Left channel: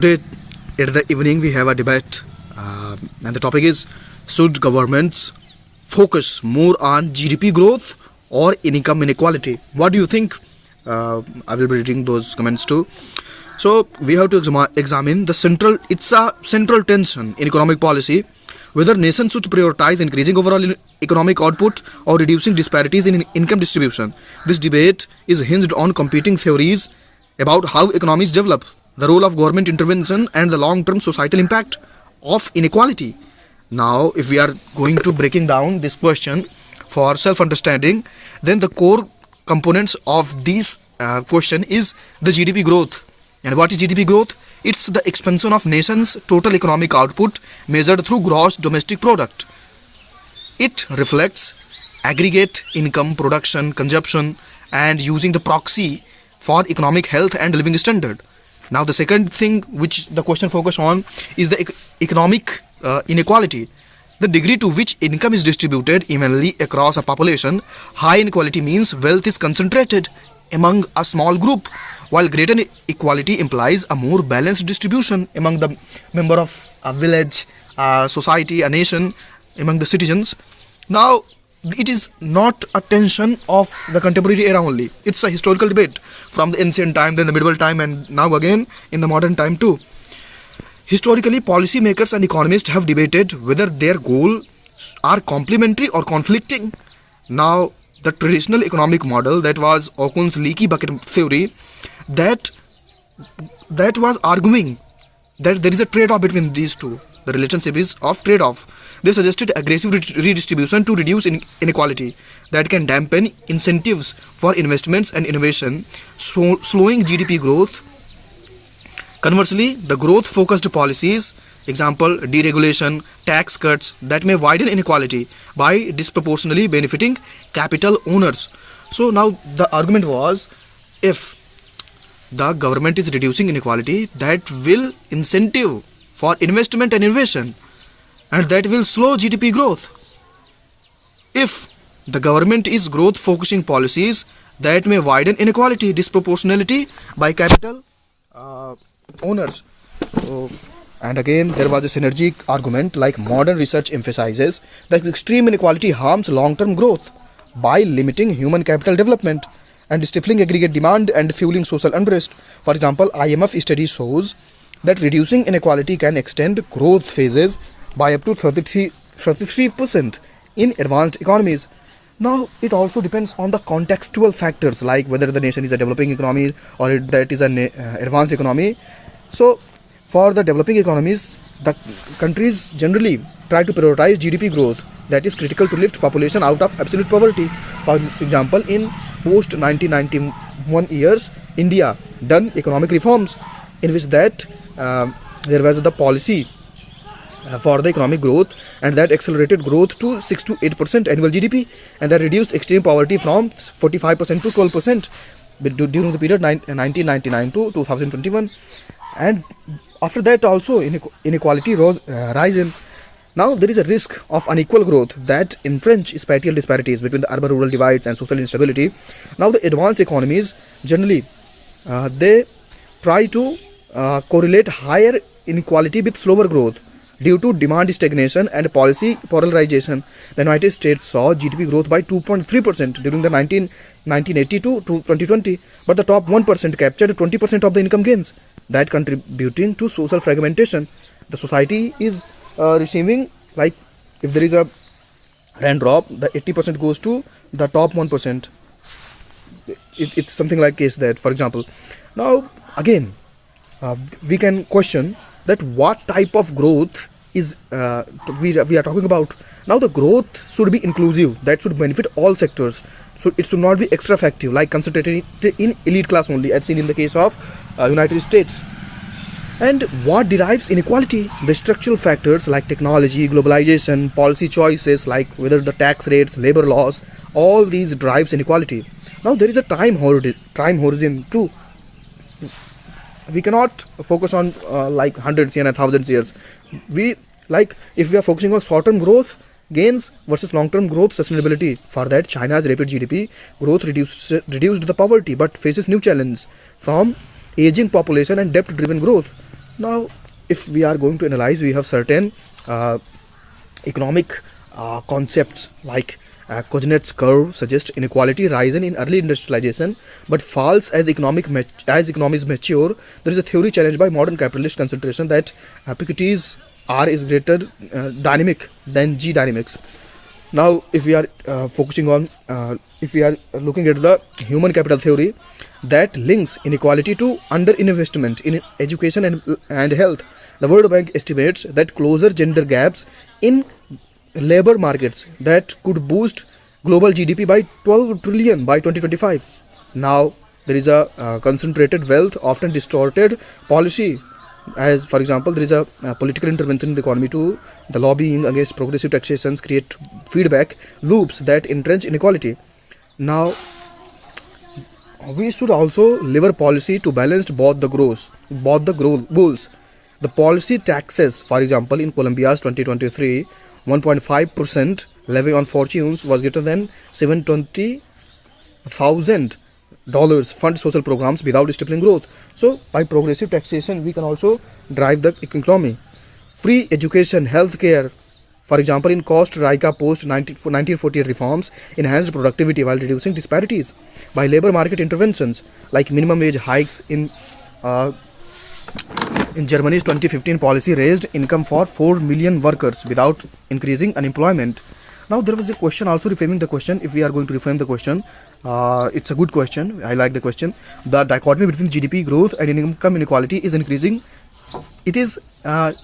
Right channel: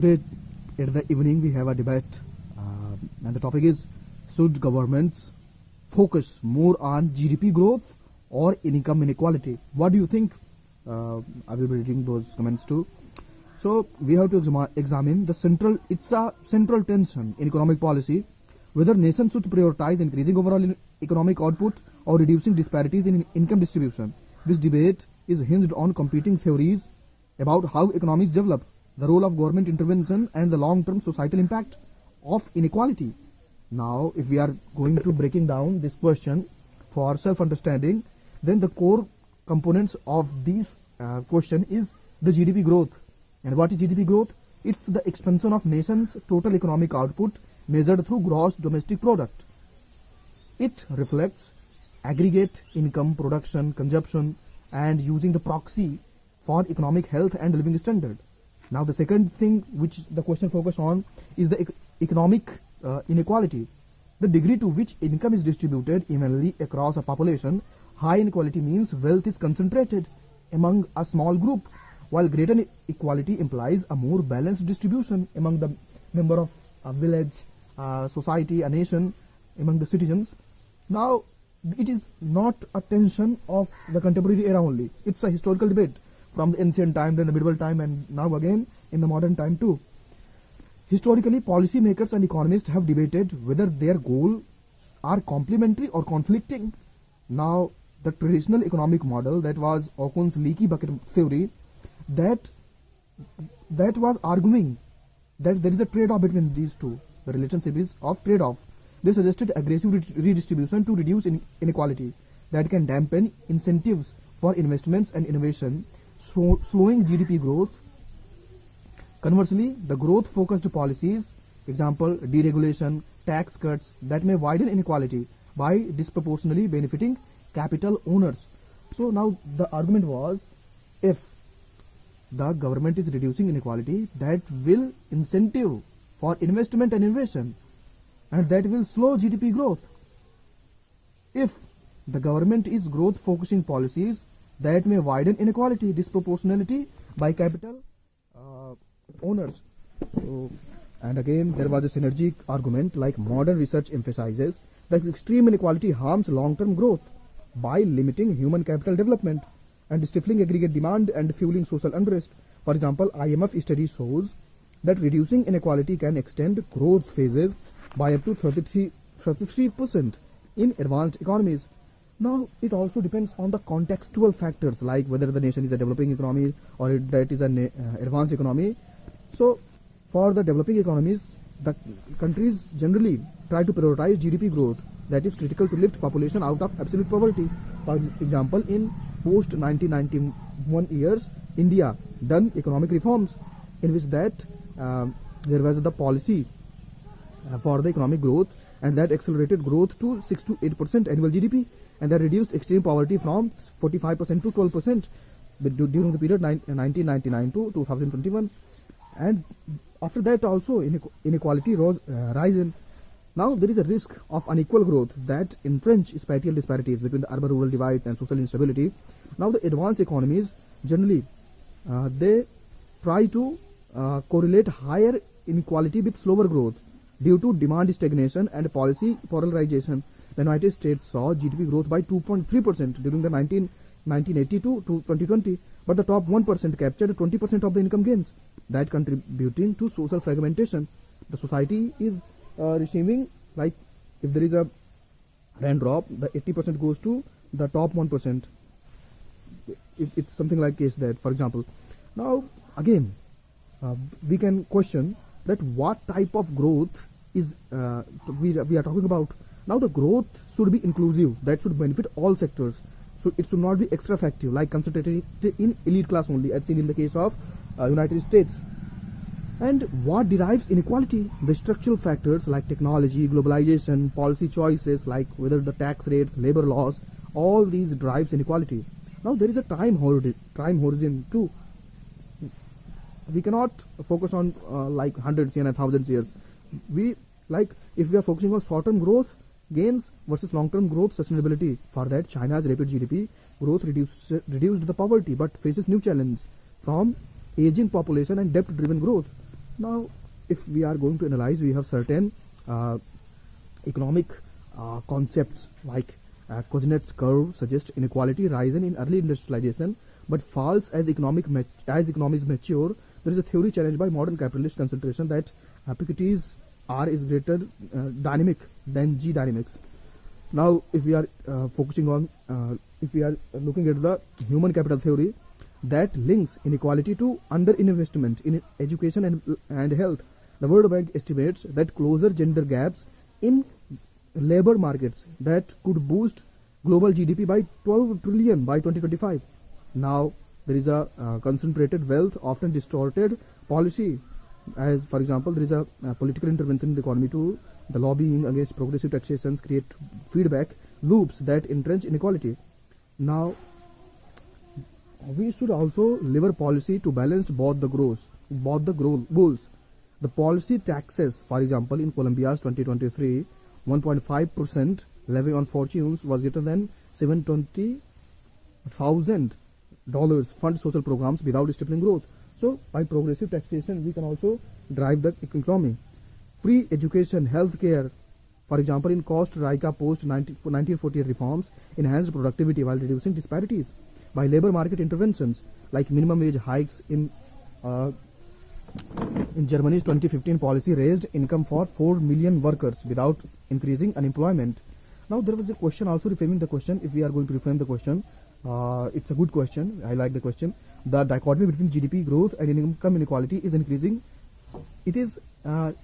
Today, at the evening, we have a debate, and the topic is: should governments focus more on GDP growth or income inequality? What do you think? I will be reading those comments too. So we have to examine the central. It's a central tension in economic policy, whether nations should prioritize increasing overall economic output or reducing disparities in income distribution. This debate is hinged on competing theories about how economies develop, the role of government intervention, and the long-term societal impact of inequality. Now, if we are going to breaking down this question for self-understanding, then the core components of this question is the GDP growth. And what is GDP growth? It's the expansion of nation's total economic output measured through gross domestic product. It reflects aggregate income, production, consumption, and using the proxy for economic health and living standard. Now, the second thing which the question focus on is the economic inequality. The degree to which income is distributed evenly across a population. High inequality means wealth is concentrated among a small group, while greater equality implies a more balanced distribution among the member of a village, a society, a nation, among the citizens. Now, it is not a tension of the contemporary era only. It's a historical debate from the ancient time, then the medieval time, and now again in the modern time too. Historically, policymakers and economists have debated whether their goals are complementary or conflicting. Now, the traditional economic model, that was Okun's leaky bucket theory, that was arguing that there is a trade-off between these two. The relationship is of trade-off. They suggested aggressive redistribution to reduce inequality that can dampen incentives for investments and innovation, slowing GDP growth. Conversely, the growth-focused policies, example deregulation, tax cuts, that may widen inequality by disproportionately benefiting capital owners. So now the argument was, if the government is reducing inequality, that will incentive for investment and innovation, and that will slow GDP growth. If the government is growth focusing policies, that may widen inequality, disproportionality by capital owners. So, and again, there was a synergic argument, like modern research emphasizes that extreme inequality harms long-term growth by limiting human capital development and stifling aggregate demand and fueling social unrest. For example, IMF study shows that reducing inequality can extend growth phases by up to 33% in advanced economies. Now, it also depends on the contextual factors, like whether the nation is a developing economy or that is an advanced economy. So, for the developing economies, the countries generally try to prioritize GDP growth, that is critical to lift population out of absolute poverty. For example, in post 1991 years, India done economic reforms in which that there was the policy for the economic growth, and that accelerated growth to 6 to 8% annual GDP, and that reduced extreme poverty from 45% to 12% during the period 1999 to 2021. And after that also inequality rising. Now there is a risk of unequal growth that entrench spatial disparities between the urban-rural divides and social instability. Now the advanced economies generally they try to correlate higher inequality with slower growth due to demand stagnation and policy polarization. The United States saw GDP growth by 2.3% during the 1980 to 2020, but the top 1% captured 20% of the income gains, that contributing to social fragmentation. The society is receiving, like if there is a raindrop, the 80% goes to the top 1%. It's something like case that, for example. Now again, we can question that what type of growth is we are talking about. Now the growth should be inclusive, that should benefit all sectors. So it should not be extra effective, like concentrated in elite class only, as seen in the case of United States. And what derives inequality? The structural factors like technology, globalization, policy choices like whether the tax rates, labor laws, all these drives inequality. Now there is a time horizon too. We cannot focus on like hundreds and thousands years. We like if we are focusing on short-term growth gains versus long-term growth sustainability. For that, China's rapid GDP growth reduced the poverty, but faces new challenges from aging population and debt-driven growth. Now, if we are going to analyze, we have certain economic concepts like Kuznets curve suggests inequality risen in early industrialization but falls as economies mature. There is a theory challenged by modern capitalist concentration that Piketty's R is greater dynamic than G dynamics. Now, if we are if we are looking at the human capital theory that links inequality to underinvestment in education and health, the World Bank estimates that closer gender gaps in labor markets that could boost global GDP by 12 trillion by 2025. Now, there is a concentrated wealth, often distorted policy. As for example, there is a political intervention in the economy too. The lobbying against progressive taxations create feedback loops that entrench inequality. Now, we should also lever policy to balance both the goals. The policy taxes, for example, in Colombia's 2023, 1.5% levy on fortunes was greater than $720,000 fund social programs without stifling growth. So, by progressive taxation, we can also drive the economy. Free education, healthcare, for example, in Costa Rica post 1948 reforms enhanced productivity while reducing disparities. By labor market interventions like minimum wage hikes in Germany's 2015 policy raised income for 4 million workers without increasing unemployment. Now, there was a question also reframing the question. If we are going to reframe the question, it's a good question. I like the question. The dichotomy between GDP growth and income inequality is increasing. It is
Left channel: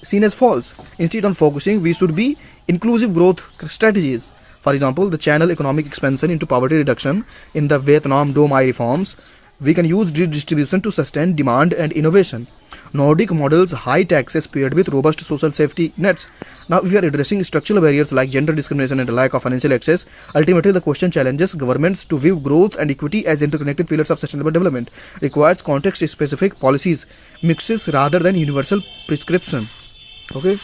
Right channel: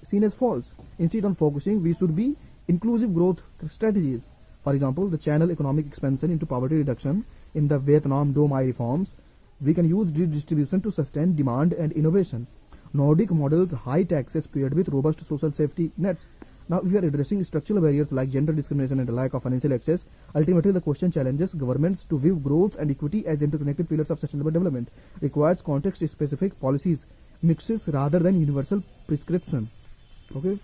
seen as false. Instead of focusing, we should be inclusive growth strategies. For example, the channel economic expansion into poverty reduction in the Vietnam Dome I reforms. We can use redistribution to sustain demand and innovation. Nordic models high taxes paired with robust social safety nets. Now, if we are addressing structural barriers like gender discrimination and lack of financial access, ultimately the question challenges governments to view growth and equity as interconnected pillars of sustainable development, requires context-specific policies, mixes rather than universal prescription. Okay.